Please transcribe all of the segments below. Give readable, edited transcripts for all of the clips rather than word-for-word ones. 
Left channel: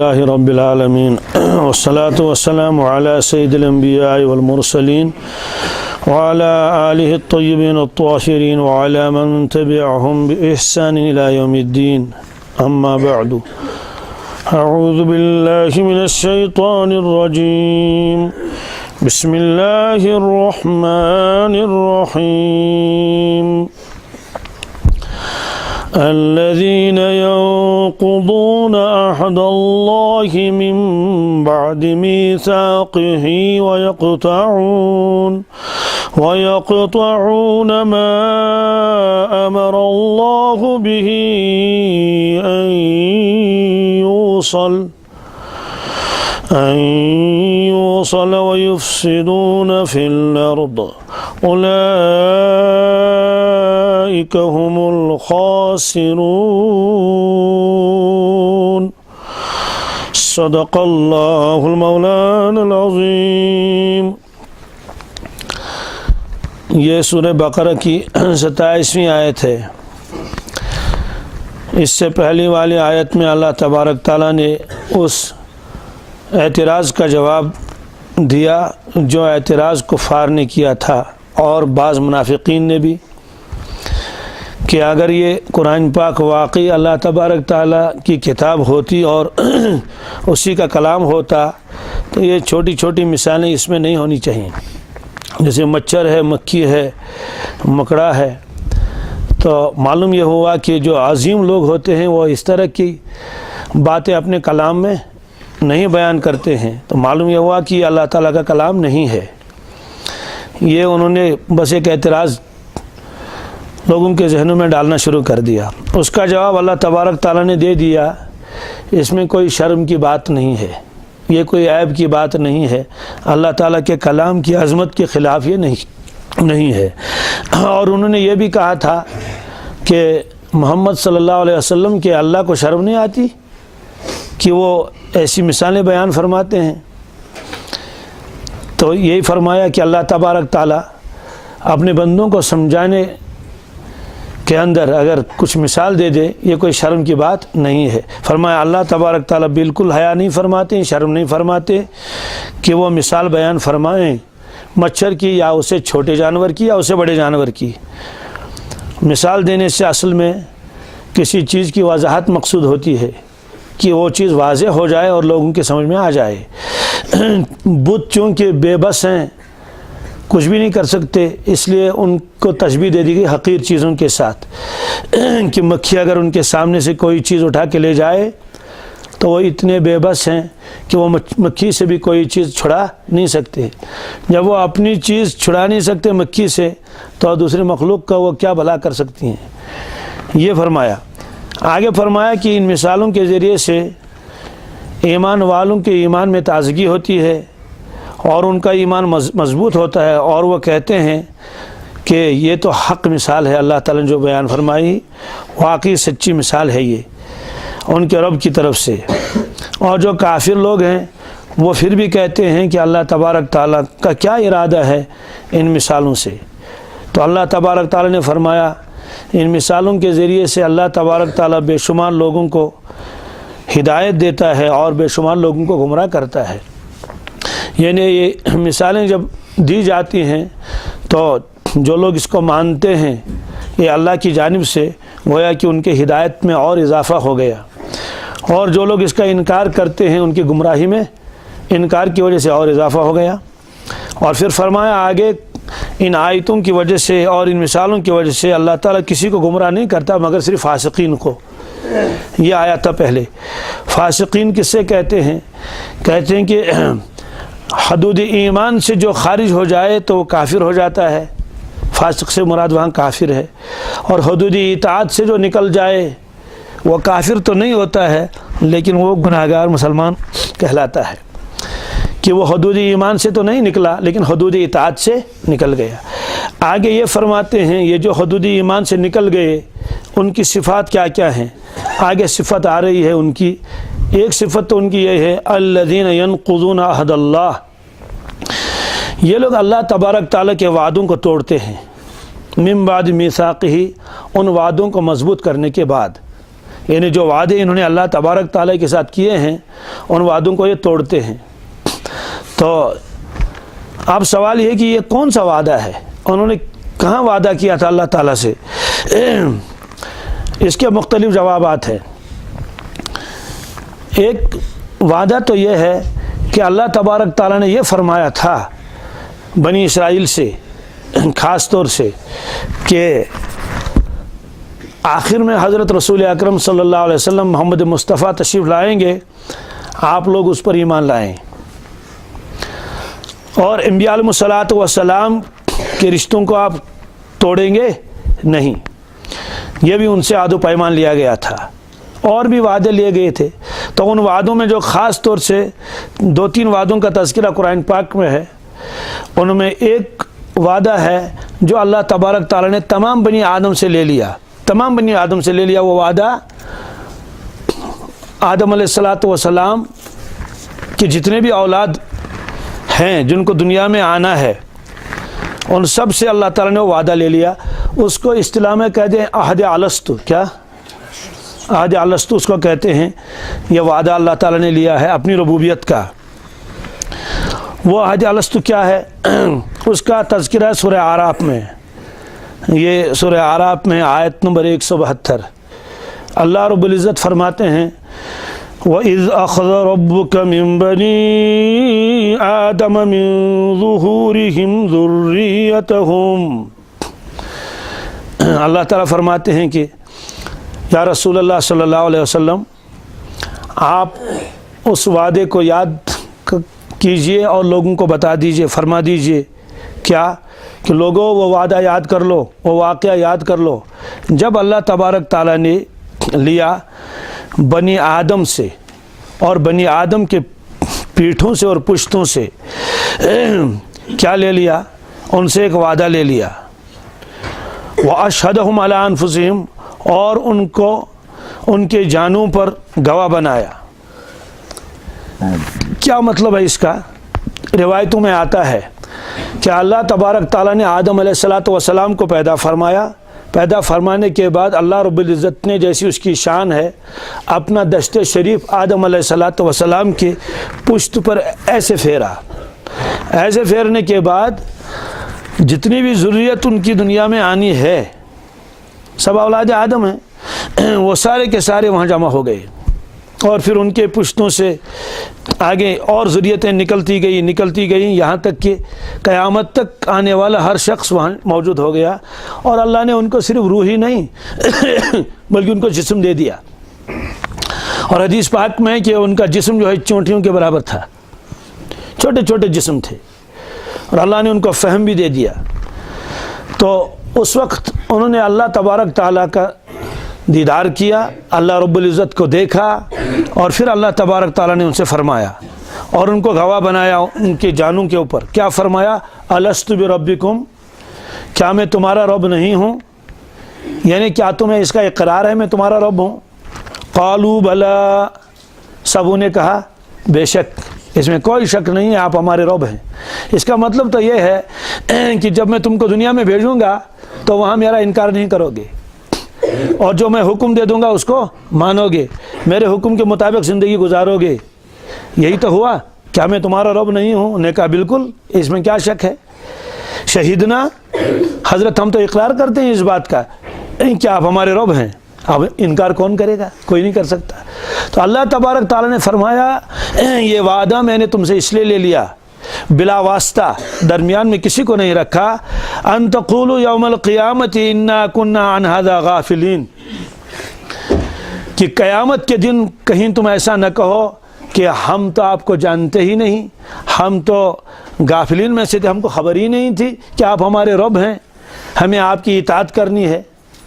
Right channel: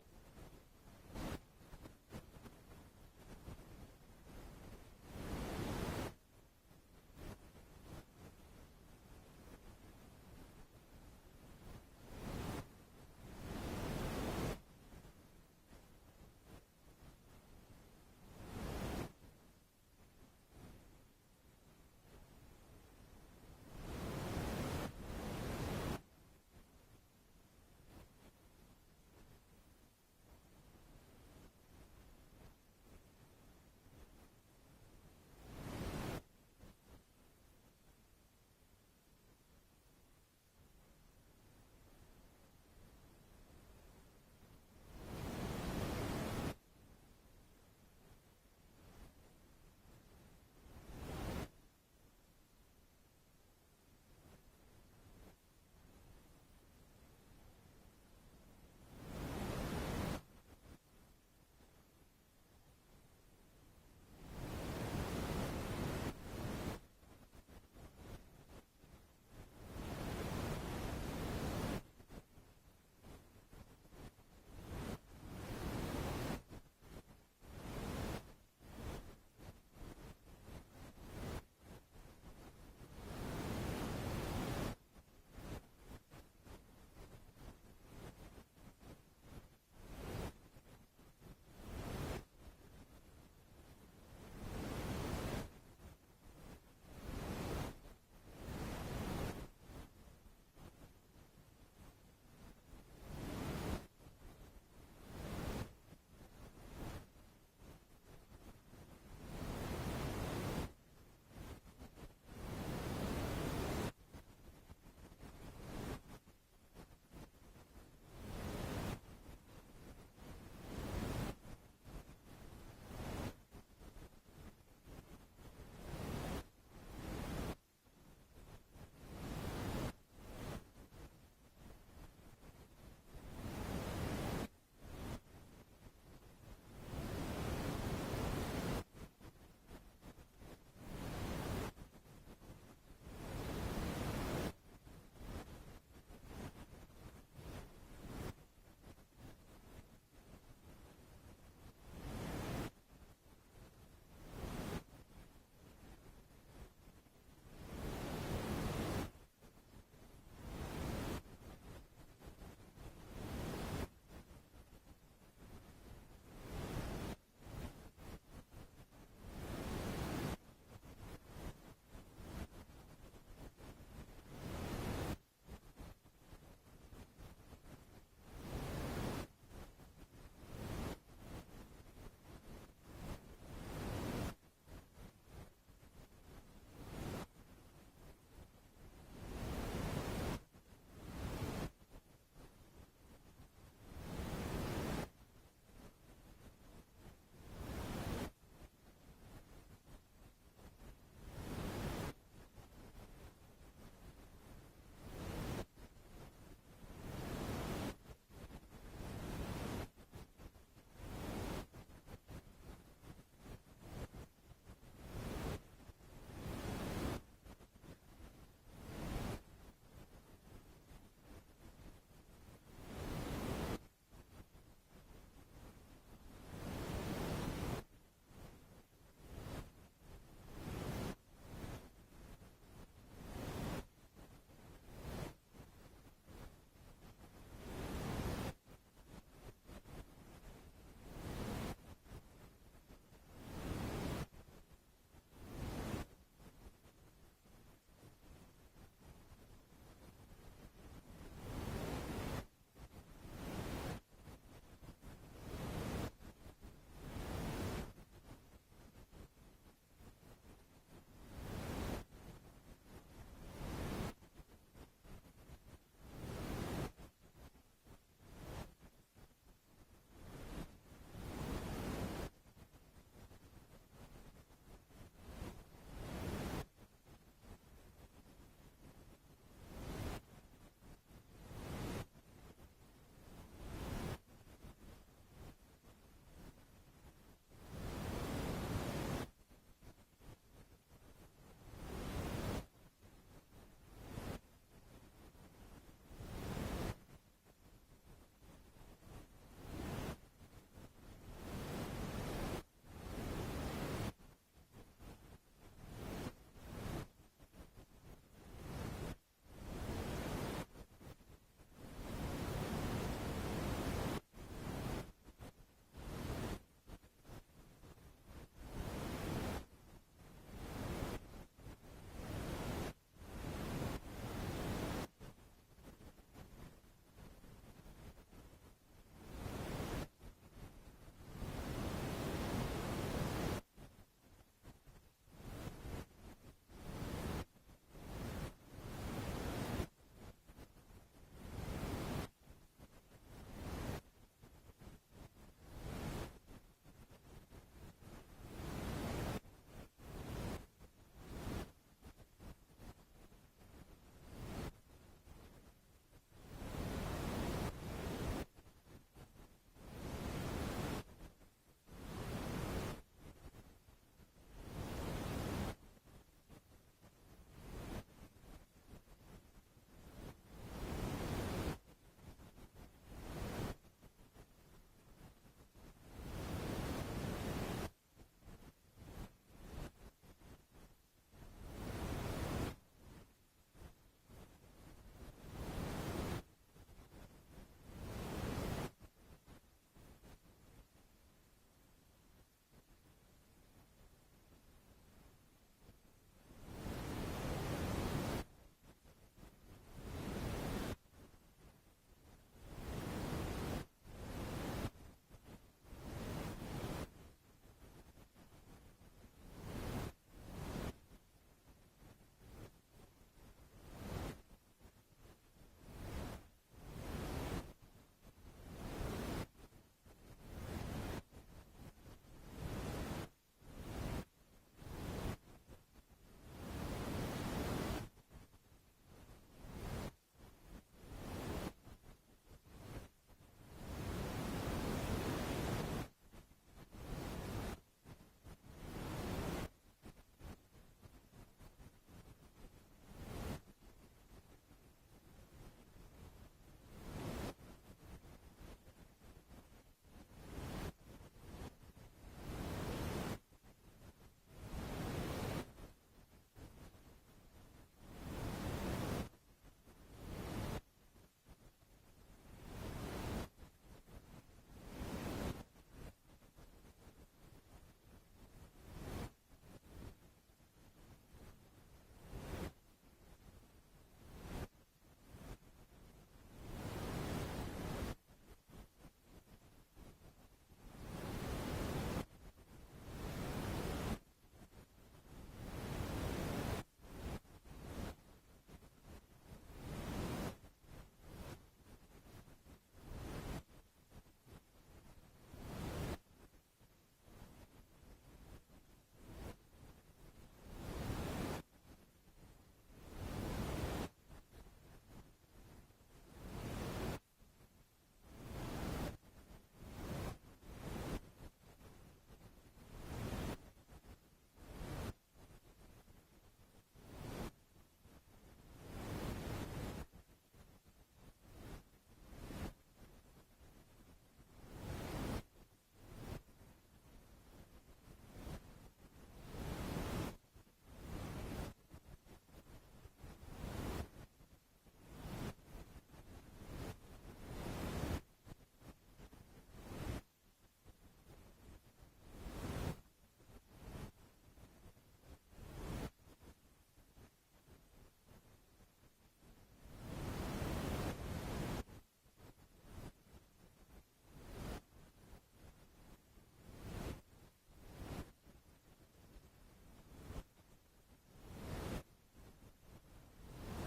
اللہ رب العالمین والصلاة والسلام علی سید الانبیاء والمرسلین وعلى آلہ الطیبین الطاہرین وعلى من تبعهم بإحسان إلى یوم الدین اما بعد اعوذ باللہ من الشیطان الرجیم بسم اللہ الرحمن الرحیم الذين ينقضون عهد الله من بعد ميثاقه ويقطعون ما أمر الله به أن يوصل ويفسدون في الأرض أولئك هم الخاسرون صدق الله المولانا العظیم۔ یہ سورہ بقرہ کی 27ویں آیت ہے۔ اس سے پہلی والی آیت میں اللہ تبارک تعالیٰ نے اس اعتراض کا جواب دیا جو اعتراض کفار نے کیا تھا اور بعض منافقین نے بھی، کہ اگر یہ قرآن پاک واقعی اللہ تبارک تعالیٰ کی کتاب ہوتی اور اسی کا کلام ہوتا تو یہ چھوٹی چھوٹی مثالیں اس میں نہیں ہونی چاہیے، جیسے مچھر ہے، مکھی ہے، مکڑا ہے۔ تو معلوم یہ ہوا کہ جو عظیم لوگ ہوتے ہیں وہ اس طرح کی باتیں اپنے کلام میں نہیں بیان کرتے ہیں، تو معلوم یہ ہوا کہ یہ اللہ تعالیٰ کا کلام نہیں ہے۔ یہ انہوں نے بس ایک اعتراض لوگوں کے ذہنوں میں ڈالنا شروع کر دیا۔ اس کا جواب اللہ تبارک تعالیٰ نے دے دیا، اس میں کوئی شرم کی بات نہیں ہے، یہ کوئی عیب کی بات نہیں ہے، اللہ تعالیٰ کے کلام کی عظمت کے خلاف یہ نہیں ہے۔ اور انہوں نے یہ بھی کہا تھا کہ محمد صلی اللہ علیہ وسلم کے اللہ کو شرم نہیں آتی کہ وہ ایسی مثالیں بیان فرماتے ہیں۔ تو یہی فرمایا کہ اللہ تبارک تعالیٰ اپنے بندوں کو سمجھانے کے اندر اگر کچھ مثال دے دے یہ کوئی شرم کی بات نہیں ہے۔ فرمایا اللہ تبارک تعالیٰ بالکل حیا نہیں فرماتے، شرم نہیں فرماتے کہ وہ مثال بیان فرمائیں مچھر کی یا اسے چھوٹے جانور کی یا اسے بڑے جانور کی۔ مثال دینے سے اصل میں کسی چیز کی وضاحت مقصود ہوتی ہے کہ وہ چیز واضح ہو جائے اور لوگوں کے سمجھ میں آ جائے۔ بت چونکہ بے بس ہیں، کچھ بھی نہیں کر سکتے، اس لیے ان کو تشبیہ دے دی گئی حقیر چیزوں کے ساتھ کہ مکھی اگر ان کے سامنے سے کوئی چیز اٹھا کے لے جائے تو وہ اتنے بے بس ہیں کہ وہ مکھی سے بھی کوئی چیز چھڑا نہیں سکتے۔ جب وہ اپنی چیز چھڑا نہیں سکتے مکھی سے تو دوسرے مخلوق کا وہ کیا بھلا کر سکتی ہیں، یہ فرمایا۔ آگے فرمایا کہ ان مثالوں کے ذریعے سے ایمان والوں کے ایمان میں تازگی ہوتی ہے اور ان کا ایمان مضبوط ہوتا ہے، اور وہ کہتے ہیں کہ یہ تو حق مثال ہے، اللہ تعالیٰ نے جو بیان فرمائی واقعی سچی مثال ہے یہ ان کے رب کی طرف سے۔ اور جو کافر لوگ ہیں وہ پھر بھی کہتے ہیں کہ اللہ تبارک تعالیٰ کا کیا ارادہ ہے ان مثالوں سے۔ تو اللہ تبارک تعالیٰ نے فرمایا ان مثالوں کے ذریعے سے اللہ تبارک تعالیٰ بے شمار لوگوں کو ہدایت دیتا ہے اور بے شمار لوگوں کو گمراہ کرتا ہے۔ یعنی یہ مثالیں جب دی جاتی ہیں تو جو لوگ اس کو مانتے ہیں یہ اللہ کی جانب سے گویا کہ ان کے ہدایت میں اور اضافہ ہو گیا، اور جو لوگ اس کا انکار کرتے ہیں ان کی گمراہی میں انکار کی وجہ سے اور اضافہ ہو گیا۔ اور پھر فرمایا آگے ان آیتوں کی وجہ سے اور ان مثالوں کی وجہ سے اللہ تعالیٰ کسی کو گمراہ نہیں کرتا مگر صرف فاسقین کو۔ یہ آیا تھا پہلے۔ فاسقین کس سے کہتے ہیں؟ کہتے ہیں کہ حدود ایمان سے جو خارج ہو جائے تو وہ کافر ہو جاتا ہے، فاسق سے مراد وہاں کافر ہے، اور حدود اطاعت سے جو نکل جائے وہ کافر تو نہیں ہوتا ہے لیکن وہ گناہگار مسلمان کہلاتا ہے، کہ وہ حدود ایمان سے تو نہیں نکلا لیکن حدود اطاعت سے نکل گیا۔ آگے یہ فرماتے ہیں یہ جو حدود ایمان سے نکل گئے ان کی صفات کیا کیا ہیں؟ آگے صفت آ رہی ہے ان کی۔ ایک صفت تو ان کی یہ ہے الذین ینقضون عہد اللہ، یہ لوگ اللہ تبارک تعالیٰ کے وعدوں کو توڑتے ہیں، من بعد میثاقہ، ان وعدوں کو مضبوط کرنے کے بعد، یعنی جو وعدے انہوں نے اللہ تبارک تعالیٰ کے ساتھ کیے ہیں ان وعدوں کو یہ توڑتے ہیں۔ تو اب سوال یہ کہ یہ کون سا وعدہ ہے، انہوں نے کہاں وعدہ کیا تھا اللہ تعالیٰ سے؟ اس کے مختلف جوابات ہیں۔ ایک وعدہ تو یہ ہے کہ اللہ تبارک تعالیٰ نے یہ فرمایا تھا بنی اسرائیل سے خاص طور سے کہ آخر میں حضرت رسول اکرم صلی اللہ علیہ وسلم محمد مصطفیٰ تشریف لائیں گے، آپ لوگ اس پر ایمان لائیں، اور انبیاء علیہ الصلوۃ والسلام کے رشتوں کو آپ توڑیں گے نہیں۔ یہ بھی ان سے عہد و پیمان لیا گیا تھا، اور بھی وعدے لیے گئے تھے۔ تو ان وعدوں میں جو خاص طور سے 2-3 وعدوں کا تذکرہ قرآن پاک میں ہے، ان میں ایک وعدہ ہے جو اللہ تبارک تعالیٰ نے تمام بنی آدم سے لے لیا، تمام بنی آدم سے لے لیا۔ وہ وعدہ آدم علیہ الصلوۃ والسلام کے جتنے بھی اولاد ہیں جن کو دنیا میں آنا ہے، ان سب سے اللہ تعالیٰ نے وہ وعدہ لے لیا۔ اس کو اصطلاح میں کہتے ہیں عہد الستو۔ کیا؟ عہد الستو اس کو کہتے ہیں۔ یہ وعدہ اللہ تعالیٰ نے لیا ہے اپنی ربوبیت کا۔ وہ عہد الستو کیا ہے؟ اس کا تذکرہ سورہ اعراف میں، یہ سورہ اعراف میں آیت نمبر 172 اللہ رب العزت فرماتے ہیں وَإِذْ أَخَذَ رَبُّكَ مِن بَنِي آدَمَ مِن ظُهُورِهِمْ ذُرِّيَّتَهُمْ۔ اللہ تعالیٰ فرماتے ہیں کہ یا رسول اللہ صلی اللہ علیہ وسلم، آپ اس وعدے کو یاد کیجئے اور لوگوں کو بتا دیجئے، فرما دیجئے کیا کہ لوگوں وہ وعدہ یاد کر لو، وہ واقعہ یاد کر لو جب اللہ تبارک تعالیٰ نے لیا بنی آدم سے اور بنی آدم کے پیٹھوں سے اور پشتوں سے کیا لے لیا؟ ان سے ایک وعدہ لے لیا۔ وَأَشْهَدَهُمْ عَلَىٰ أَنفُسِهِمْ، اور ان کو ان کے جانوں پر گواہ بنایا۔ کیا مطلب ہے اس کا؟ روایتوں میں آتا ہے کہ اللہ تبارک تعالیٰ نے آدم علیہ الصلوۃ والسلام کو پیدا فرمایا، پیدا فرمانے کے بعد اللہ رب العزت نے جیسی اس کی شان ہے اپنا دشت شریف آدم علیہ الصلوۃ والسلام کے پشت پر ایسے پھیرا۔ ایسے پھیرنے کے بعد جتنی بھی ذریت ان کی دنیا میں آنی ہے، سب اولاد آدم ہیں، وہ سارے کے سارے وہاں جمع ہو گئے، اور پھر ان کے پشتوں سے آگے اور ذریتیں نکلتی گئیں یہاں تک کہ قیامت تک آنے والا ہر شخص وہاں موجود ہو گیا۔ اور اللہ نے ان کو صرف روح ہی نہیں بلکہ ان کو جسم دے دیا، اور حدیث پاک میں کہ ان کا جسم جو ہے چونٹیوں کے برابر تھا، چھوٹے چھوٹے جسم تھے، اور اللہ نے ان کو فہم بھی دے دیا۔ تو اس وقت انہوں نے اللہ تبارک تعالیٰ کا دیدار کیا، اللہ رب العزت کو دیکھا، اور پھر اللہ تبارک تعالیٰ نے ان سے فرمایا اور ان کو گواہ بنایا ان کے جانوں کے اوپر۔ کیا فرمایا؟ الست بربکم، کیا میں تمہارا رب نہیں ہوں؟ یعنی کیا تمہیں اس کا اقرار ہے میں تمہارا رب ہوں؟ قالوا بلا، سبوں نے کہا بے شک، اس میں کوئی شک نہیں ہے آپ ہمارے رب ہیں۔ اس کا مطلب تو یہ ہے کہ جب میں تم کو دنیا میں بھیجوں گا تو وہاں میرا انکار نہیں کرو گے، اور جو میں حکم دے دوں گا اس کو مانو گے، میرے حکم کے مطابق زندگی گزارو گے۔ یہی تو ہوا، کیا میں تمہارا رب نہیں ہوں؟ انہوں نے کہا بالکل، اس میں کیا شک ہے؟ شہیدنا، حضرت ہم تو اقرار کرتے ہیں اس بات کا کیا آپ ہمارے رب ہیں، اب انکار کون کرے گا؟ کوئی نہیں کر سکتا۔ تو اللہ تبارک تعالیٰ نے فرمایا یہ وعدہ میں نے تم سے اس لیے لے لیا بلا واسطہ، درمیان میں کسی کو نہیں رکھا، ان تقولوا یوم القیامت انا کنا عن ھذا غافلین، کہ قیامت کے دن کہیں تم ایسا نہ کہو کہ ہم تو آپ کو جانتے ہی نہیں، ہم تو غافلین میں سے تھے، ہم کو خبر ہی نہیں تھی کہ آپ ہمارے رب ہیں، ہمیں آپ کی اطاعت کرنی ہے۔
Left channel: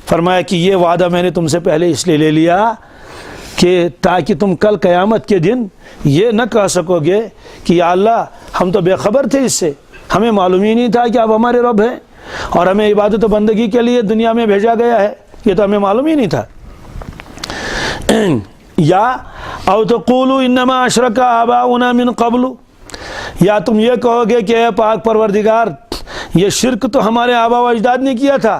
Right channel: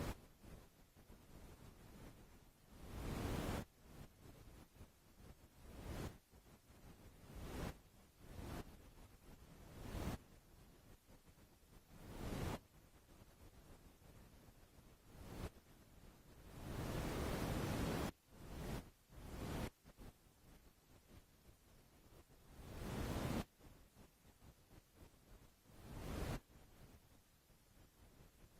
فرمایا کہ یہ وعدہ میں نے تم سے پہلے اس لیے لے لیا کہ تاکہ تم کل قیامت کے دن یہ نہ کہہ سکو گے کہ یا اللہ ہم تو بے خبر تھے، اس سے ہمیں معلوم ہی نہیں تھا کہ آپ ہمارے رب ہیں، اور ہمیں عبادت و بندگی کے لیے دنیا میں بھیجا گیا ہے، یہ تو ہمیں معلوم ہی نہیں تھا۔ یا او تقولوا انما اشرک آباؤنا من قبل، یا تم یہ کہو گے کہ اے پاک پروردگار یہ شرک تو ہمارے آبا و اجداد نے کیا تھا،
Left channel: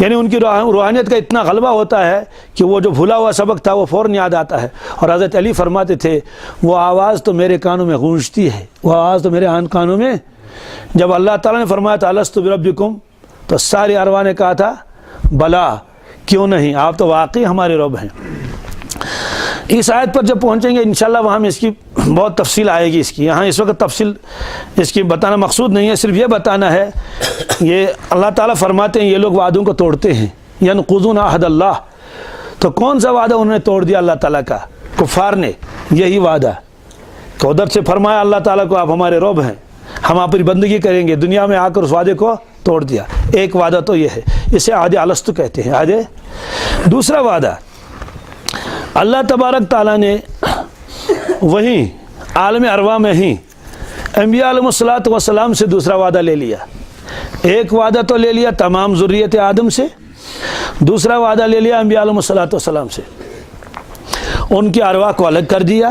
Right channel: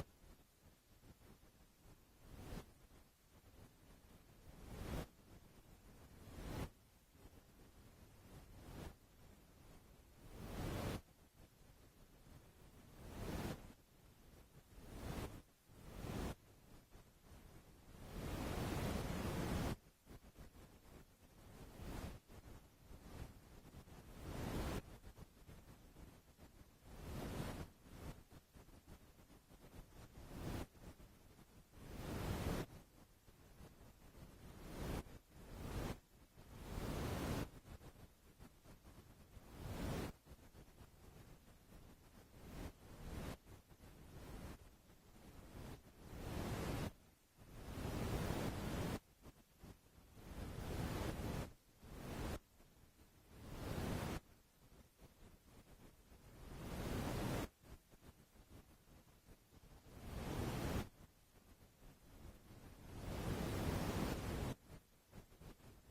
یعنی ان کی روحانیت کا اتنا غلبہ ہوتا ہے کہ وہ جو بھولا ہوا سبق تھا وہ فوراً یاد آتا ہے. اور حضرت علی فرماتے تھے وہ آواز تو میرے کانوں میں گونجتی ہے، وہ آواز تو میرے کانوں میں. جب اللہ تعالیٰ نے فرمایا تھا الست بربکم، تو ساری ارواح نے کہا تھا بلا، کیوں نہیں، آپ تو واقعی ہمارے رب ہیں. اس آیت پر جب پہنچیں گے انشاءاللہ وہاں میں اس کی بہت تفصیل آئے گی. اس کی یہاں اس وقت تفصیل اس کی بتانا مقصود نہیں ہے، صرف یہ بتانا ہے یہ اللہ تعالیٰ فرماتے ہیں یہ لوگ وعدوں کو توڑتے ہیں، ینقضون عہد اللہ. تو کون سا وعدہ انہوں نے توڑ دیا اللہ تعالیٰ کا؟ کفار نے. یہی وعدہ کہ ادھر سے فرمایا اللہ تعالیٰ کو آپ ہمارے رب ہیں، ہم آپ کی بندگی کریں گے، دنیا میں آ کر اس وعدے کو توڑ دیا. ایک وعدہ تو یہ ہے، اسے عہد الست کہتے ہیں. عہد دوسرا وعدہ اللہ تبارک تعالیٰ نے وہیں عالم ارواح میں ہی انبیاء علیہ الصلوۃ والسلام سے دوسرا وعدہ لے لیا. ایک وعدہ تو لے لیا تمام ذریت آدم سے، دوسرا وعدہ لے لیا انبیاء علیہ الصلوۃ والسلام سے. ان کی ارواح کو الگ کر دیا،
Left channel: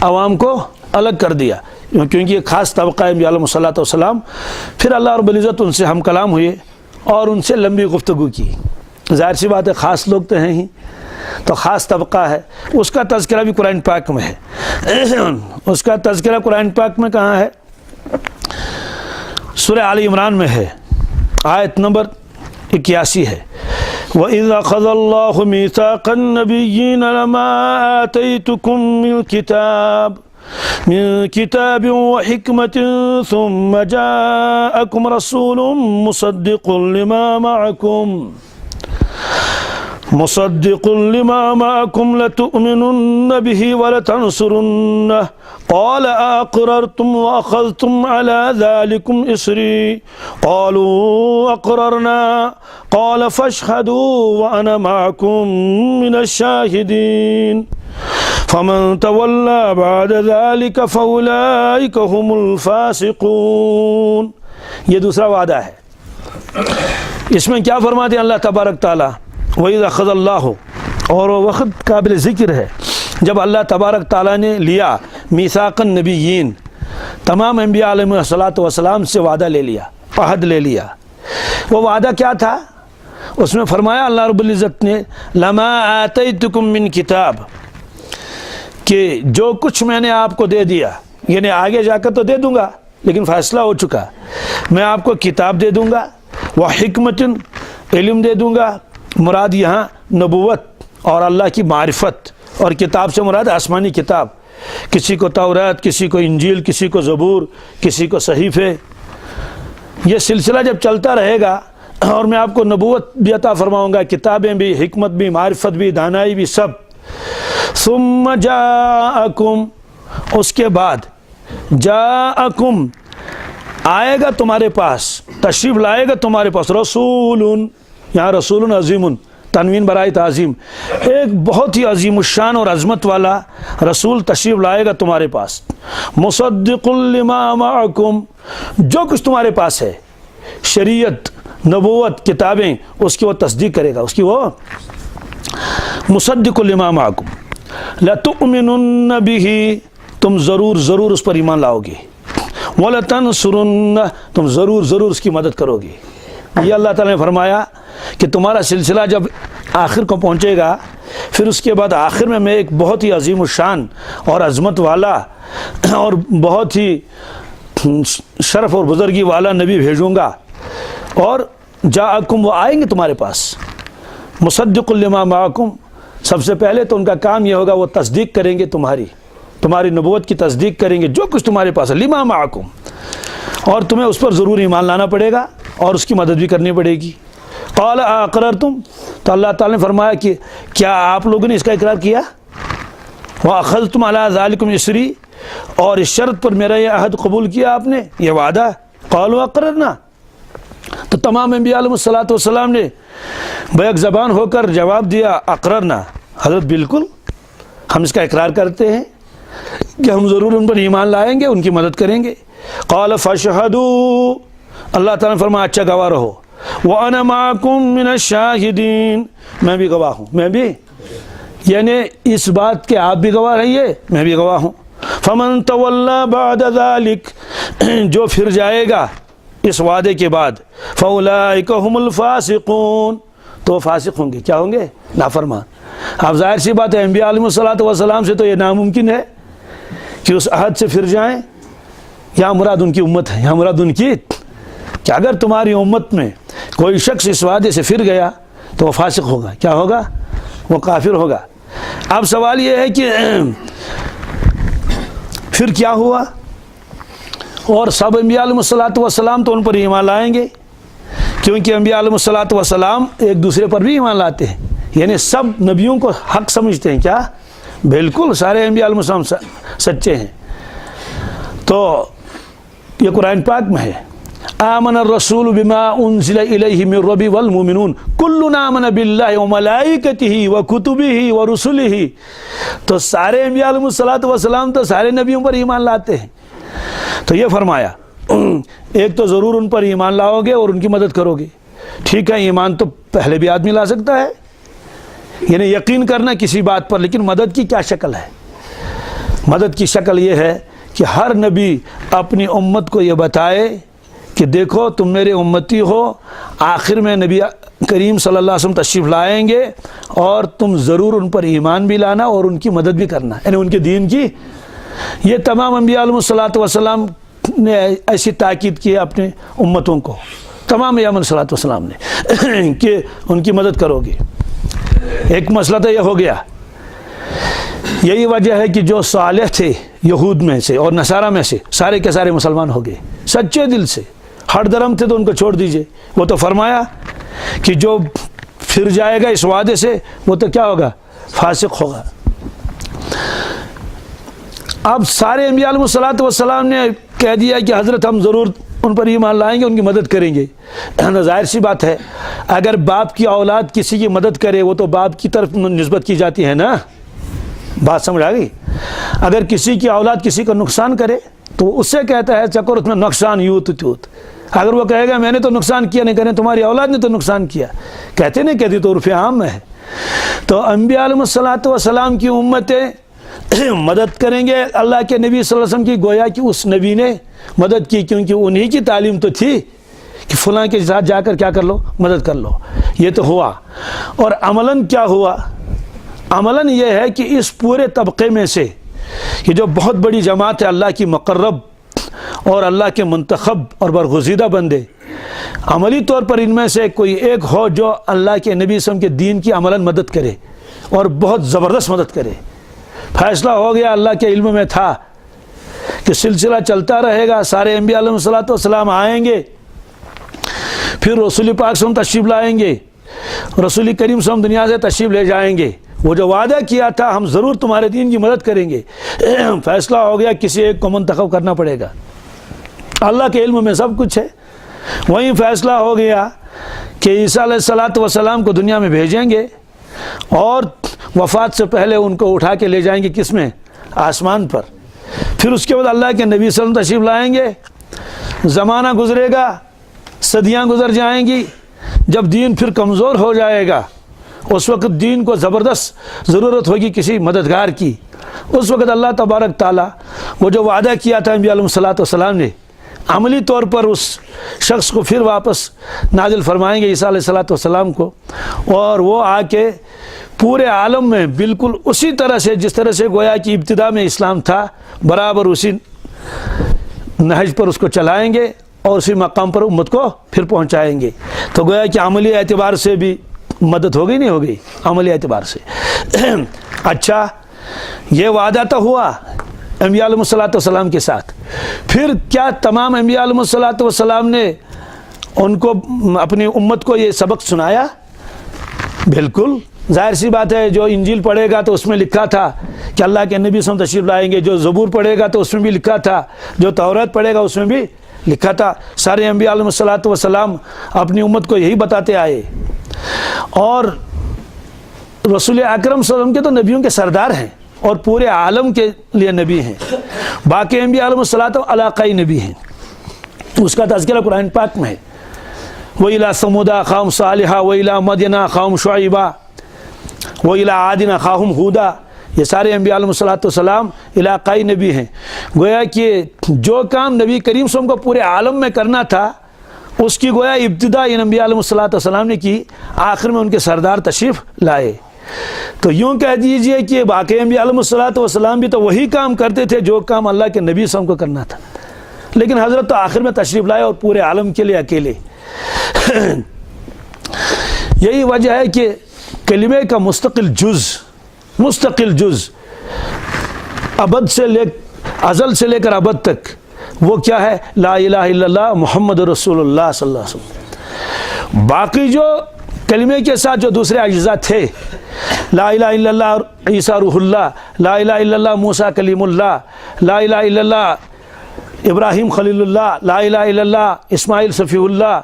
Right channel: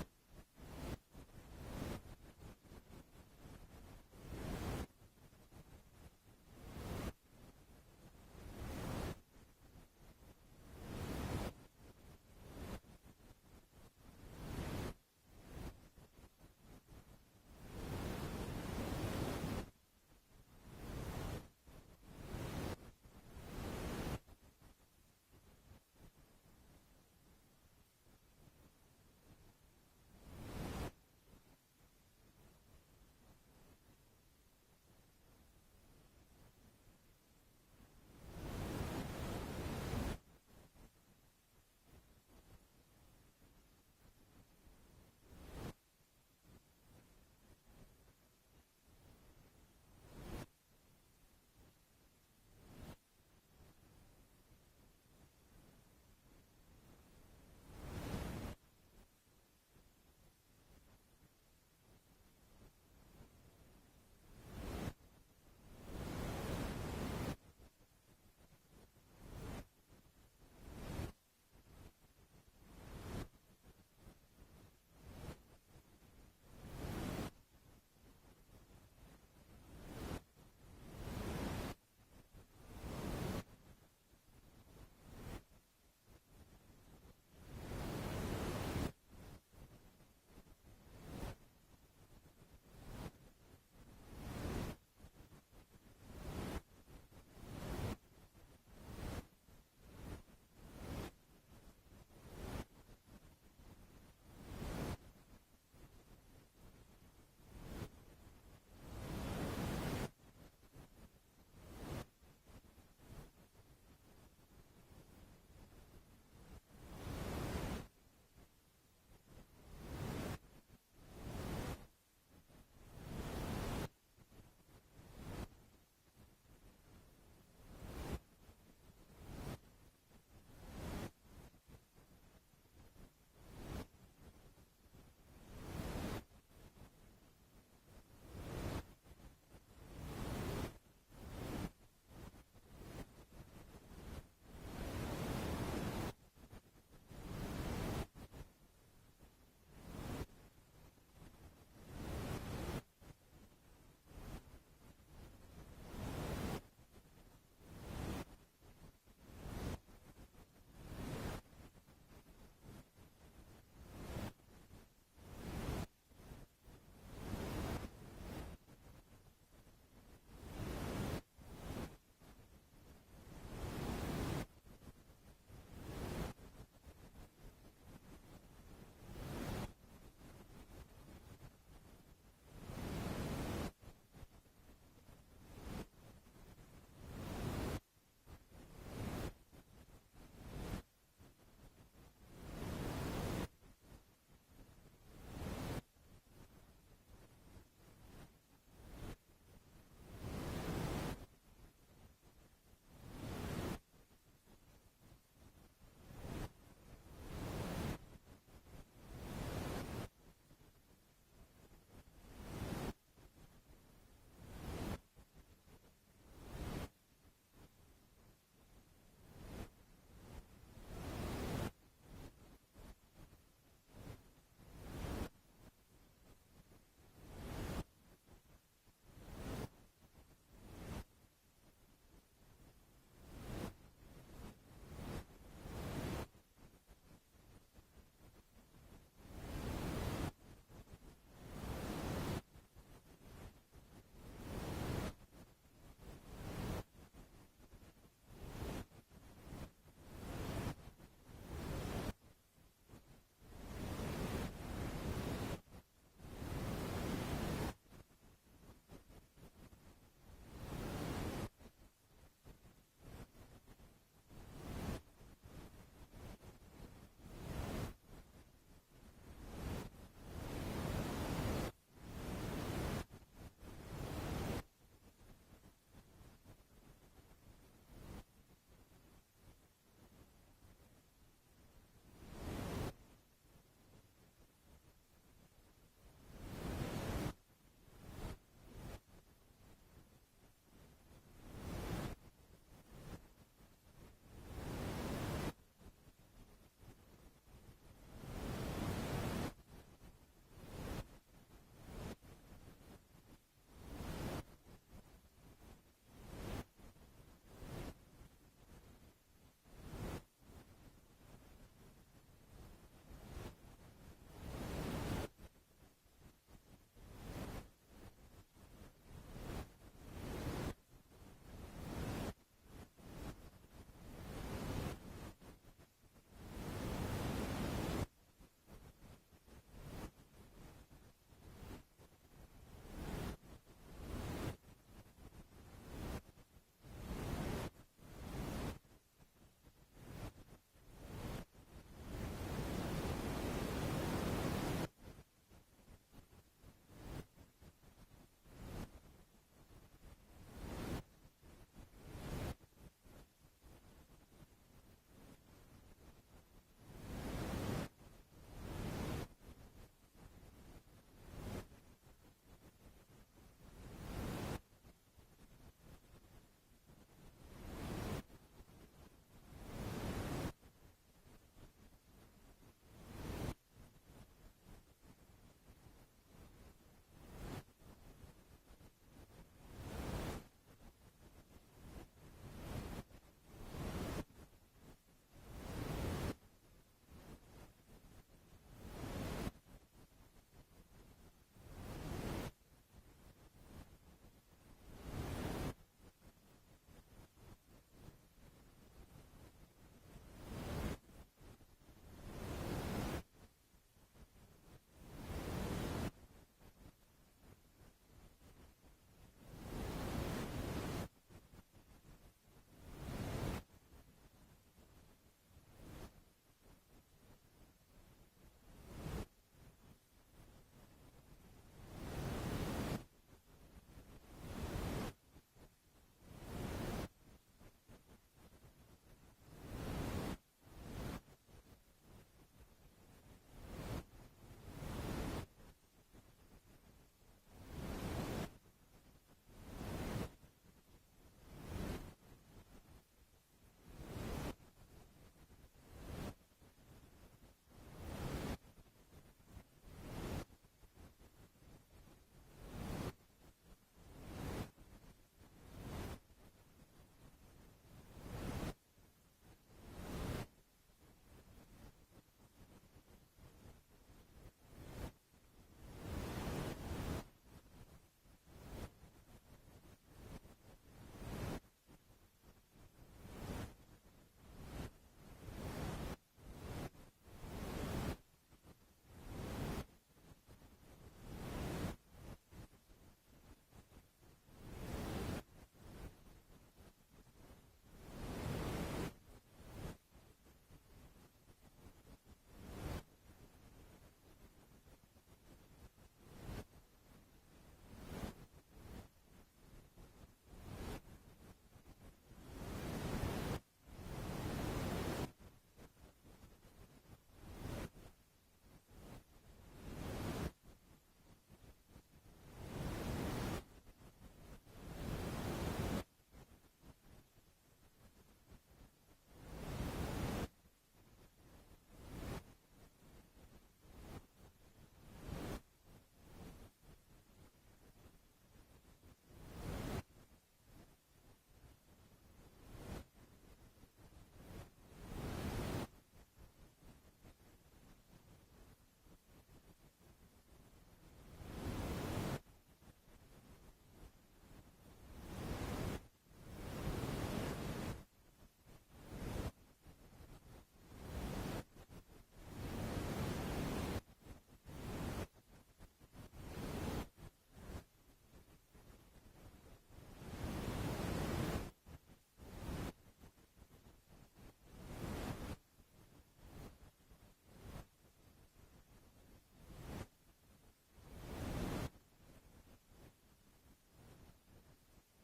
عوام کو الگ کر دیا، کیونکہ یہ خاص طبقہ انبیاء علیہ الصلوۃ والسلام. پھر اللہ رب العزت ان سے ہم کلام ہوئے اور ان سے لمبی گفتگو کی. ظاہر سی بات ہے خاص لوگ تو ہیں ہی، تو خاص طبقہ ہے، اس کا تذکرہ بھی قرآن پاک میں ہے. اس کا تذکرہ قرآن پاک میں کہاں ہے؟ سورہ آل عمران میں ہے، آیت نمبر 81 ہے. وَإِذْ أَخَذَ اللَّهُ مِيثَاقَ النَّبِيِّينَ لَمَا آتَيْتُكُم مِّن كِتَابٍ وَحِكْمَةٍ ثُمَّ جَاءَكُمْ رَسُولٌ مصدق لما معكم لتؤمنن به ولتنصرنه قال أقررتم وأخذتم على ذلكم إصري قالوا أقررنا قال فاشهدوا وأنا معكم من الشاهدين فمن تولى بعد ذلك فأولئك هم الفاسقون. یہ دوسرا وعدہ ہے. اس میں کیا فرماتے ہیں اللہ تبارک تعالیٰ؟ وَإِذْ أَخَذَ اللَّهُ، اور وہ وقت قابل ذکر ہے جب اللہ تبارک تعالیٰ نے لیا میثاق النبیین، تمام انبیاء علیہ الصلوۃ والسلام سے وعدہ لے لیا، عہد لے لیا. وہ وعدہ کیا تھا؟ اس میں فرمایا اللہ رب العزت نے لما آتیتکم من کتاب، کہ جو کچھ میں نے آپ کو دے دیا، یعنی آگے جا کر تو دے دوں گا لیکن فیصلہ ہو چکا، میں آپ کو کتاب دے دوں گا، وحکمت، علم دے دوں گا. مراد یہاں نبوت اور اللہ کی معرفت، اور کتاب سے مراد آسمانی کتاب. کسی کو تورات، کسی کو انجیل، کسی کو زبور، کسی کو صحیفے. یہ سلسلہ جب چلتا رہے گا اور میں آپ کو نبوت بھی عطا فرماؤں گا، کتابیں بھی، حکمت بھی، معرفت بھی، دانائی بھی، سب. ثم جاءکم، اس کے بعد جاءکم آئے گا تمہارے پاس، تشریف لائے گا تمہارے پاس، رسول، یہاں رسول عظیم، تنوین برائے تعظیم، ایک بہت ہی عظیم الشان اور عظمت والا رسول تشریف لائے گا تمہارے پاس. مصدق لما معکم، جو کچھ تمہارے پاس ہے، شریعت، نبوت، کتابیں، اس کی وہ تصدیق کرے گا، اس کی وہ مصدق لما معکم. لتؤمنن به، تم ضرور ضرور اس پر ایمان لاؤ گے. ولتنصرن، تم ضرور ضرور اس کی مدد کرو گے. یہ اللہ تعالیٰ نے فرمایا کہ تمہارا سلسلہ جب آخر کو پہنچے گا، پھر اس کے بعد آخر میں ایک بہت ہی عظیم الشان اور عظمت والا اور بہت ہی شرف اور بزرگی والا نبی بھیجوں گا. اور جاءکم، وہ آئیں گے تمہارے پاس. مصدق لما معکم، سب سے پہلے تو ان کا کام یہ ہوگا وہ تصدیق کریں گے، تمہاری نبوت کی تصدیق کریں گے، جو کچھ تمہارے پاس ہے، لما معکم، اور تمہیں اس پر ضرور ایمان لانا پڑے گا اور اس کی مدد بھی کرنی پڑے گی. قال اقررتم، تو اللہ تعالیٰ نے فرمایا کہ کیا آپ لوگوں نے اس کا اقرار کیا؟ واخذتم علی ذلکم اسری، اور اس شرط پر میرا یہ عہد قبول کیا آپ نے، یہ وعدہ. قالوا اقررنا، تو تمام انبیاء علیہ الصلوۃ والسلام نے بیک زبان ہو کر جواب دیا اقررنا، حضرت بالکل ہم اس کا اقرار کرتے ہیں کہ ہم ضرور ان پر ایمان لائیں گے، ان کی مدد کریں گے. قال فاشهدوا، اللہ تعالیٰ نے فرمایا اچھا گواہ رہو. وَأَنَا مَعَكُم مِّنَ الشَّاهِدِينَ، میں بھی گواہ ہوں، میں بھی، یعنی اس بات کے آپ بھی گواہ رہیے، میں بھی گواہ ہوں. فَمَن تَوَلَّى بَعْدَ ذَلِكَ، جو پھر جائے گا اس وعدے کے بعد فاولئک هم الفاسقون، تو فاسق ہوں گے، کیا ہوں گے؟ نافرمان۔ اب ظاہر سی بات ہے انبیاء علیہ السلام سے تو یہ ناممکن ہے کہ اس عہد سے پھر جائیں۔ یہاں مراد ان کی امت ہے، یہاں مراد ان کی کہ اگر تمہاری امت میں کوئی شخص اس وعدے سے پھر گیا تو وہ فاسق ہوگا، کیا ہوگا؟ وہ کافر ہوگا۔ اب سوال یہ ہے کہ پھر کیا ہوا؟ اور سب انبیاء علیہ السلام تو ان پر ایمان لائیں گے، کیونکہ انبیاء علیہ السلام ایک دوسرے پر بھی ایمان لاتے ہیں، یعنی سب نبیوں کو حق سمجھتے ہیں، کیا؟ بالکل سارے انبیاء علیہ السلام سچے ہیں۔ تو یہ قرآن پاک میں ہے، آمن الرسول بما انزل الیہ من ربہ والمؤمنون کل آمن باللہ وملائکتہ وکتبہ ورسلہ۔ تو سارے انبیاء علیہ السلام تو سارے نبیوں پر ایمان لاتے ہیں۔ تو یہ فرمایا ایک تو ضرور ان پر ایمان لاؤ گے اور ان کی مدد کرو گے، ٹھیک ہے، ایمان تو پہلے بھی آدمی لا سکتا ہے، یعنی یقین کرنا کسی بات پر، لیکن مدد کی کیا شکل ہے؟ مدد کی شکل یہ ہے کہ ہر نبی اپنی امت کو یہ بتائے کہ دیکھو تم میرے امتی ہو، آخر میں نبی کریم صلی اللہ علیہ وسلم تشریف لائیں گے اور تم ضرور ان پر ایمان بھی لانا اور ان کی مدد بھی کرنا، یعنی ان کے دین کی۔ یہ تمام انبیاء علیہ السلام نے ایسی تاکید کی ہے اپنے امتوں کو، تمام انبیاء علیہ السلام نے کہ ان کی مدد کرو گے۔ ایک مسئلہ تو یہ ہو گیا، یہی وجہ ہے کہ جو صالح تھے یہود میں سے اور نصارہ میں سے سارے کے سارے مسلمان ہو گئے سچے دل سے، ہر درم تھے تو ان کو چھوڑ دیجئے۔ وہ تو فرمایا کہ جو پھر جائے گا اس وعدے سے وہ تو کیا ہوگا؟ فاسق ہوگا۔ اب سارے انبیاء علیہ السلام نے کہہ دیا کہ حضرت ہم ضرور ان پر ایمان لائیں گے، ان کی مدد کریں گے۔ ظاہر سی بات ہے اگر باپ کی اولاد کسی کی مدد کرے وہ تو باپ کی طرف نسبت کی جاتی ہے نا، بات سمجھ آ گئی؟ اگر کسی کی اولاد کسی کا نقصان کرے تو اس سے کہتا ہے چکر اس میں نقصان یوت تیوت۔ اگر وہ کہے گا میں نے تو نقصان کیا نہیں، کہنے تمہاری اولاد نے تو نقصان کیا، کہتے نہیں کہتی تو عرف عام میں ہے۔ تو انبیاء علیہ السلام کی امتیں مدد کریں گے اللہ کے نبی صلی اللہ علیہ وسلم کی، گویا کہ اس نبی نے مدد کی، کیونکہ انہی کی تعلیم تو تھی کہ فلاں کے ساتھ جا کر کیا کر لو؟ مدد کر لو۔ یہ تو ہوا۔ اور عملاً کیا ہوا؟ عملاً یہ ہے کہ اس پورے طبقے میں سے یہ جو بہت بڑی جماعت ہے اللہ کی مقرب اور اللہ کے منتخب اور برگزیدہ بندے، عملی طور پر ان میں سے کوئی ایک ہو جو اللہ کے نبی صلی اللہ علیہ وسلم کے دین کی عملاً مدد کرے اور بہت زبردست مدد کرے۔ فیصلہ ہو گیا، اللہ کے علم میں تھا کہ سلسلہ چلتا رہے گا، سارے انبیاء علیہ السلام آئیں گے، پھر رسول پاک صلی اللہ علیہ وسلم تشریف لائیں گے، رسول کریم صلی اللہ علیہ وسلم دنیا سے تشریف لے جائیں گے۔ وہ جو وعدہ کیا تھا ہم ضرور تمہارے دین کی مدد کریں گے، فیصلہ ہو گیا کسی ایک کو منتخب کرنا پڑے گا۔ اللہ کے علم میں سب کچھ ہے۔ وہیں فیصلہ ہو گیا کہ عیسیٰ علیہ السلام کو دنیا میں بھیجیں گے اور وفات سے پہلے ان کو اٹھا کے لے جائیں گے، کس میں؟ آسمان پر۔ پھر اس کے بعد اللہ کے نبی صلی اللہ علیہ وسلم تشریف لائیں گے، زمانہ گزرے گا، صدیاں گزر جائیں گی، جب دین پھر کمزور ہو جائے گا اس وقت دین کو زبردست ضرورت ہوگی کسی مددگار کی۔ اس وقت اللہ تبارک تعالیٰ وہ جو وعدہ کیا تھا انبیاء علیہ السلام نے عملی طور پر اس شخص کو پھر واپس نازل فرمائیں گے عیسیٰ علیہ السلام کو، اور وہ آ کے پورے عالم میں بالکل اسی طرح سے جس طرح سے گویا کہ ابتدا میں اسلام تھا برابر اسی نہج پر اس کو چلائیں گے اور اسی مقام پر امت کو پھر پہنچائیں گے۔ تو گویا کہ عملی اعتبار سے بھی مدد ہو گئی نہیں ہو گئی؟ عملی اعتبار سے۔ اچھا یہ وعدہ تو ہوا انبیاء علیہ السلام کے ساتھ، پھر کیا تمام انبیاء علیہ السلام نے ان کو اپنی امت کو یہ سبق سنایا؟ بالکل، ظاہر سی بات ہے، جو انجیل پڑھے گا تو اس میں لکھا تھا کہ اللہ کے نبی صلی اللہ علیہ وسلم تشریف لائیں گے، جو زبور پڑھے گا تو اس میں بھی لکھا تھا، جو توریت پڑھے گا اس میں بھی لکھا تھا۔ سارے انبیاء علیہ السلام اپنی امت کو یہی بتاتے آئے، اور رسول اکرم صلی اللہ علیہ وسلم کے تو نبیوں کے سردار ہیں اور پورے عالم کے لیے نبی ہیں۔ باقی انبیاء علیہ السلام علاقائی نبی ہیں، اس کا تذکرہ قرآن پاک میں ہے۔ وَإِلَىٰ ثَمُودَ أَخَاهُمْ صَالِحًا وَإِلَىٰ مَدْيَنَ أَخَاهُمْ شُعَيْبًا وَإِلَىٰ عَادٍ أَخَاهُمْ هُودًا۔ یہ سارے انبیاء علیہ السلام علاقائی نبی ہیں۔ گویا کہ جو کام نبی کریم صلی اللہ علیہ وسلم کو پورے عالم میں کرنا تھا اس کی گویا ابتدا ان انبیاء علیہ السلام نے کی، آخر میں ان کے سردار تشریف لائے۔ تو یوں کہہ دیجئے کہ باقی انبیاء علیہ السلام بھی تو وہی کام کرتے تھے جو کام اللہ کے نبی صلی اللہ علیہ وسلم کو کرنا تھا، لیکن حضرت تو آخر میں تشریف لائے اور پورے عالم کے لیے اکیلے۔ یہی وجہ ہے کہ کلمے کا مستقل جز ابد سے ازل سے لے کر ابد تک وہ کیا ہے؟ لا الہ الا اللہ محمد رسول اللہ صلی اللہ علیہ وسلم۔ باقی جو کلمے کے ساتھ جو دوسرے اجزاء تھے، لا الہ الا اللہ عیسیٰ روح اللہ، لا الہ الا اللہ موسیٰ کلیم اللہ، لا الہ الا اللہ ابراہیم خلیل اللہ، لا الہ الا اللہ اسماعیل صفی اللہ،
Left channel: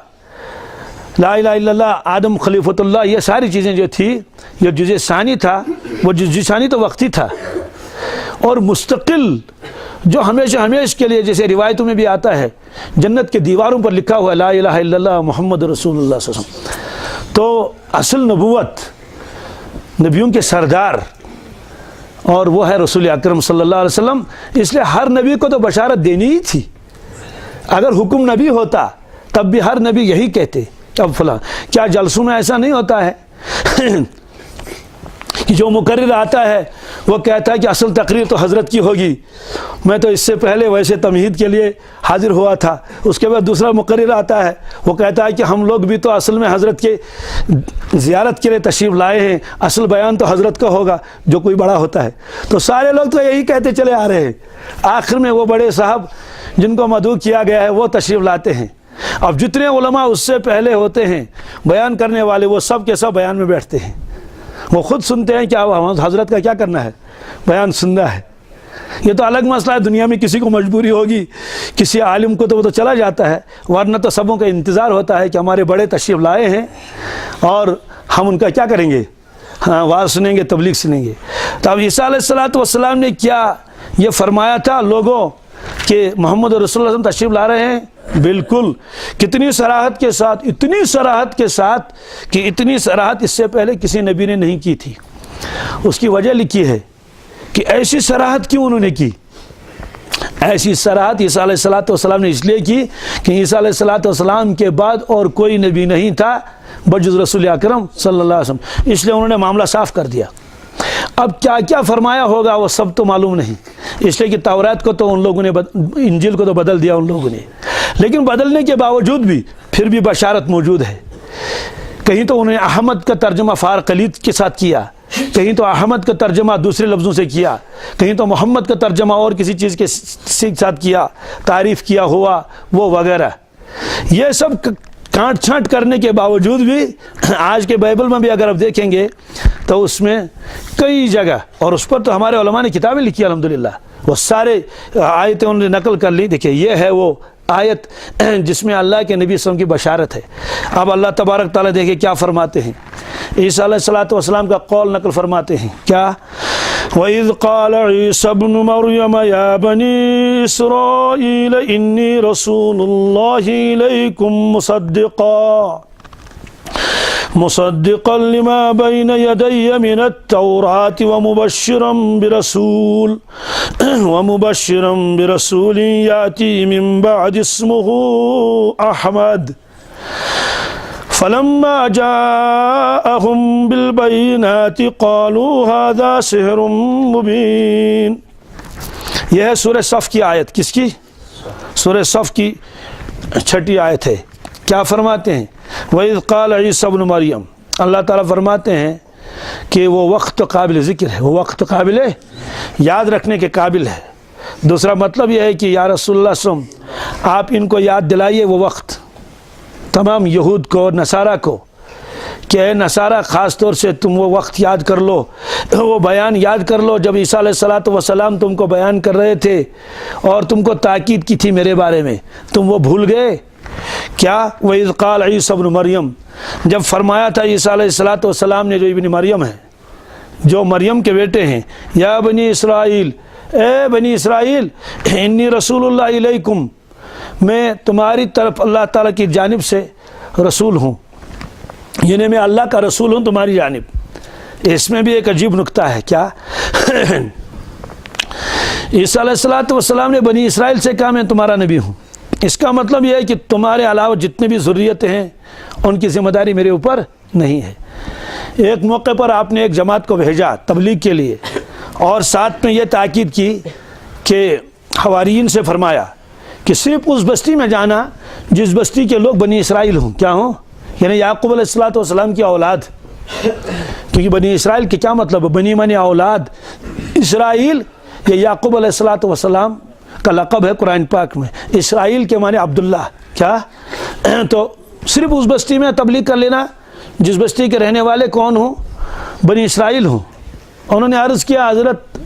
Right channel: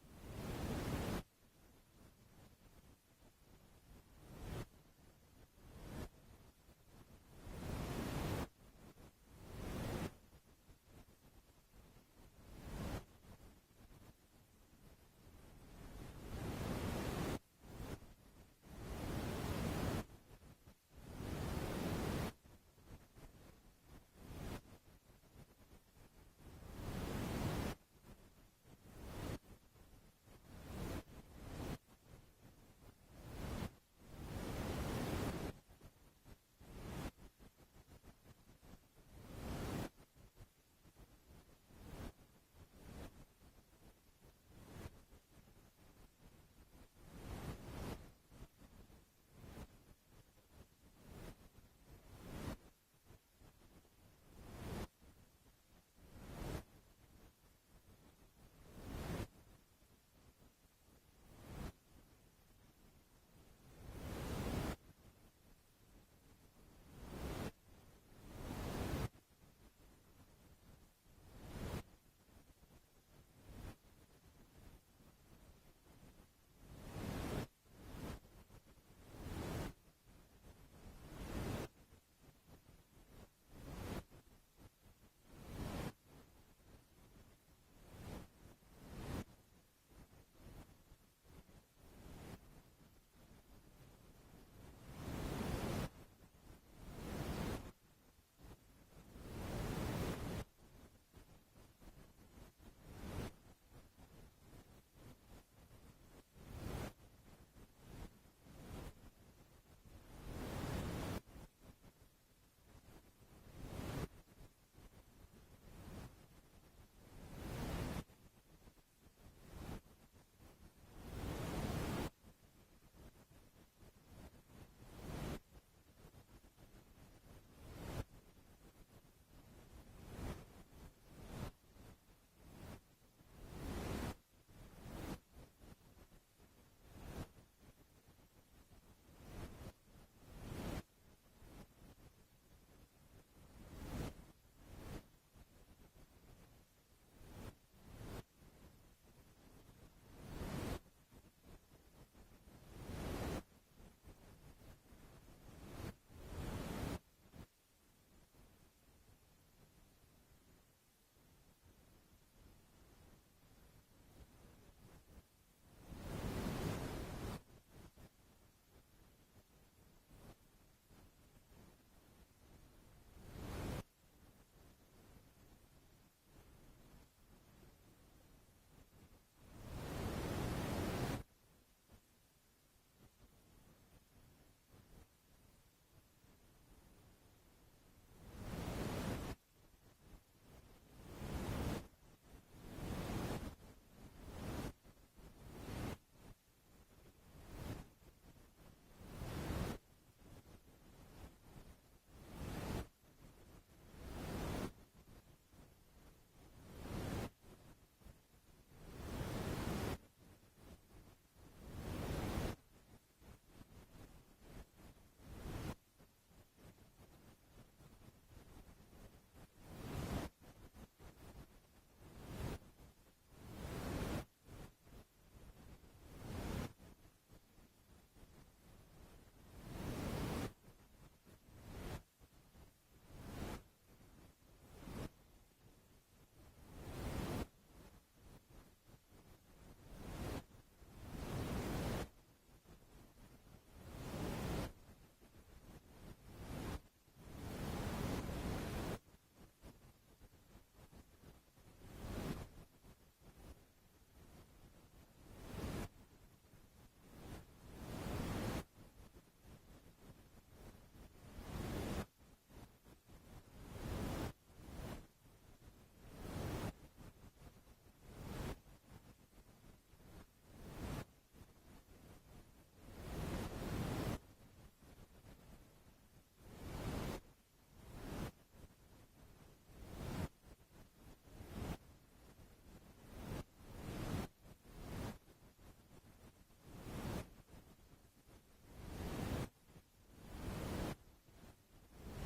لا الہ الا اللہ آدم خلیفۃ اللہ، یہ ساری چیزیں جو تھی، یہ جزء ثانی تھا، وہ جزء ثانی تو وقتی تھا، اور مستقل جو ہمیشہ کے لیے، جیسے روایتوں میں بھی آتا ہے جنت کے دیواروں پر لکھا ہوا ہے لا الہ الا اللہ محمد رسول اللہ صلی اللہ علیہ وسلم۔ تو اصل نبوت نبیوں کے سردار اور وہ ہے رسول اکرم صلی اللہ علیہ وسلم، اس لیے ہر نبی کو تو بشارت دینی ہی تھی۔ اگر حکم نبی ہوتا تب بھی ہر نبی یہی کہتے اب فلاں، کیا جلسوں میں ایسا نہیں ہوتا ہے کہ جو مقرر آتا ہے وہ کہتا ہے کہ اصل تقریر تو حضرت کی ہوگی، میں تو اس سے پہلے ویسے تمہید کے لیے حاضر ہوا تھا، اس کے بعد دوسرا مقرر آتا ہے وہ کہتا ہے کہ ہم لوگ بھی تو اصل میں حضرت کے زیارت کے لیے تشریف لائے ہیں، اصل بیان تو حضرت کا ہوگا جو کوئی بڑا ہوتا ہے۔ تو سارے لوگ تو یہی کہتے چلے آ رہے ہیں، آخر میں وہ بڑے صاحب جن کو مدعو کیا گیا ہے وہ تشریف لاتے ہیں۔ اب جتنے علماء اس سے پہلے ہوتے ہیں بیان کرنے والے، وہ سب کے سب بیان میں بیٹھتے ہیں، وہ خود سنتے ہیں کہ حضرت کا کیا کرنا ہے، بیان سننا ہے۔ یہ تو الگ مسئلہ ہے، دنیا میں کسی کو مجبوری ہوگی، کسی عالم کو تو وہ تو چلا جاتا ہے، ورنہ تو سبوں کا انتظار ہوتا ہے کہ ہمارے بڑے تشریف لائے ہیں اور ہم ان کا کیا کریں گے، ہاں واز سنیں گے، تبلیغ سنیں گے۔ تو اب عیسیٰ علیہ السلام نے کیا یہ فرمایا تھا لوگوں کہ محمد رسول اللہ تشریف لا رہے ہیں؟ بالکل، کتنی صراحت کے ساتھ، اتنی صراحت کے ساتھ کہ اتنی صراحت اس سے پہلے کسی نبی نے نہیں کی تھی۔ اس کی وجہ لکھی ہے کہ ایسی صراحت کیوں انہوں نے کی؟ ایسی صراحت عیسیٰ علیہ السلام نے اس لیے کی کہ عیسیٰ علیہ السلام کے بعد اور کوئی نبی نہیں تھا بجز رسول اکرم صلی اللہ علیہ وسلم، اس لیے انہوں نے معاملہ صاف کر دیا۔ اب کیا کیا فرمایا ہوگا وہ سب تو معلوم نہیں، اس لیے کہ تورات کو تو ان لوگوں نے انجیل کو تو بدل دیا ان لوگوں نے، لیکن بدلنے کے باوجود بھی پھر بھی بشارت موجود ہے۔ کہیں تو انہوں نے احمد کا ترجمہ فارقلید کے ساتھ کیا، کہیں تو احمد کا ترجمہ دوسرے لفظوں سے کیا، کہیں تو محمد کا ترجمہ اور کسی چیز کے ساتھ کیا، تعریف کیا ہوا وہ وغیرہ۔ یہ سب کانٹ چھانٹ کرنے کے باوجود بھی آج کے بائبل میں بھی اگر آپ دیکھیں گے تو اس میں کئی جگہ، اور اس پر تو ہمارے علماء نے کتابیں لکھی الحمدللہ، وہ سارے آیتیں انہوں نے نقل کر لی۔ دیکھیں یہ ہے وہ آیت جس میں اللہ کے نبی صلی اللہ علیہ وسلم کی بشارت ہے۔ اب اللہ تبارک تعالیٰ دیکھیں کیا فرماتے ہیں، عیسیٰ علیہ السلام کا قول نقل فرماتے ہیں کیا؟ وَإِذْ قَالَ عِيسَى ابْنُ مَرْيَمَ يَا بَنِي إِسْرَائِيلَ إِنِّي رَسُولُ اللَّهِ إِلَيْكُمْ مصدقا لما بين يدي من التوراة ومبشرا برسول يأتي من بعد اسمه أحمد فلما جاءهم بالبينات قالوا هذا سحر مبين۔ یہ ہے سورہ صف کی آیت، کس کی؟ سورہ صف کی 6 آیت ہے۔ کیا فرماتے ہیں؟ وَإِذْ قَالَ عِيسَى ابْنُ مَرْيَمَ، اللہ تعالیٰ فرماتے ہیں کہ وہ وقت قابل ذکر ہے، وہ وقت قابل یاد رکھنے کے قابل ہے۔ دوسرا مطلب یہ ہے کہ یا رسول اللہ صلی اللہ علیہ وسلم آپ ان کو یاد دلائیے وہ وقت، تمام یہود کو اور نصارہ کو، کہ اے نصارہ خاص طور سے تم وہ وقت یاد کر لو، وہ بیان یاد کر لو جب عیسیٰ علیہ السلام تم کو بیان کر رہے تھے اور تم کو تاکید کی تھی میرے بارے میں، تم وہ بھول گئے کیا؟ وَإِذْ قَالَ عِيسَى ابْنُ مَرْيَمَ، جب فرمایا تھا عیسیٰ علیہ السلام نے، جو ابن مریم ہے، جو مریم کے بیٹے ہیں، یا بنی اسرائیل، اے بنی اسرائیل، انی رسول اللہ علیکم، میں تمہاری طرف اللہ تعالیٰ کی جانب سے رسول ہوں، یعنی میں اللہ کا رسول ہوں تمہاری جانب۔ اس میں بھی ایک عجیب نکتہ ہے، کیا؟ عیسیٰ علیہ السلام نے بنی اسرائیل سے کہا میں تمہارا نبی ہوں، اس کا مطلب یہ ہے کہ تمہارے علاوہ جتنے بھی ذریتیں ہیں ان کی ذمہ داری میرے اوپر نہیں ہے۔ ایک موقع پر آپ نے ایک جماعت کو بھیجا تبلیغ کے لیے، اور ساتھ میں یہ تاکید کی کہ حواریین سے فرمایا کہ صرف اس بستی میں جانا جس بستی کے لوگ بنی اسرائیل ہوں، کیا ہوں؟ یعنی یعقوب علیہ السلام کی اولاد، کیونکہ بنی اسرائیل کے کیا مطلب ہے؟ بنی معنی اولاد، اسرائیل یہ یعقوب علیہ السلام کا لقب ہے قرآن پاک میں، اسرائیل کے معنی عبداللہ، کیا؟ تو صرف اس بستی میں تبلیغ کر لینا جس بستی کے رہنے والے کون ہوں؟ بنی اسرائیل ہوں۔ انہوں نے عرض کیا حضرت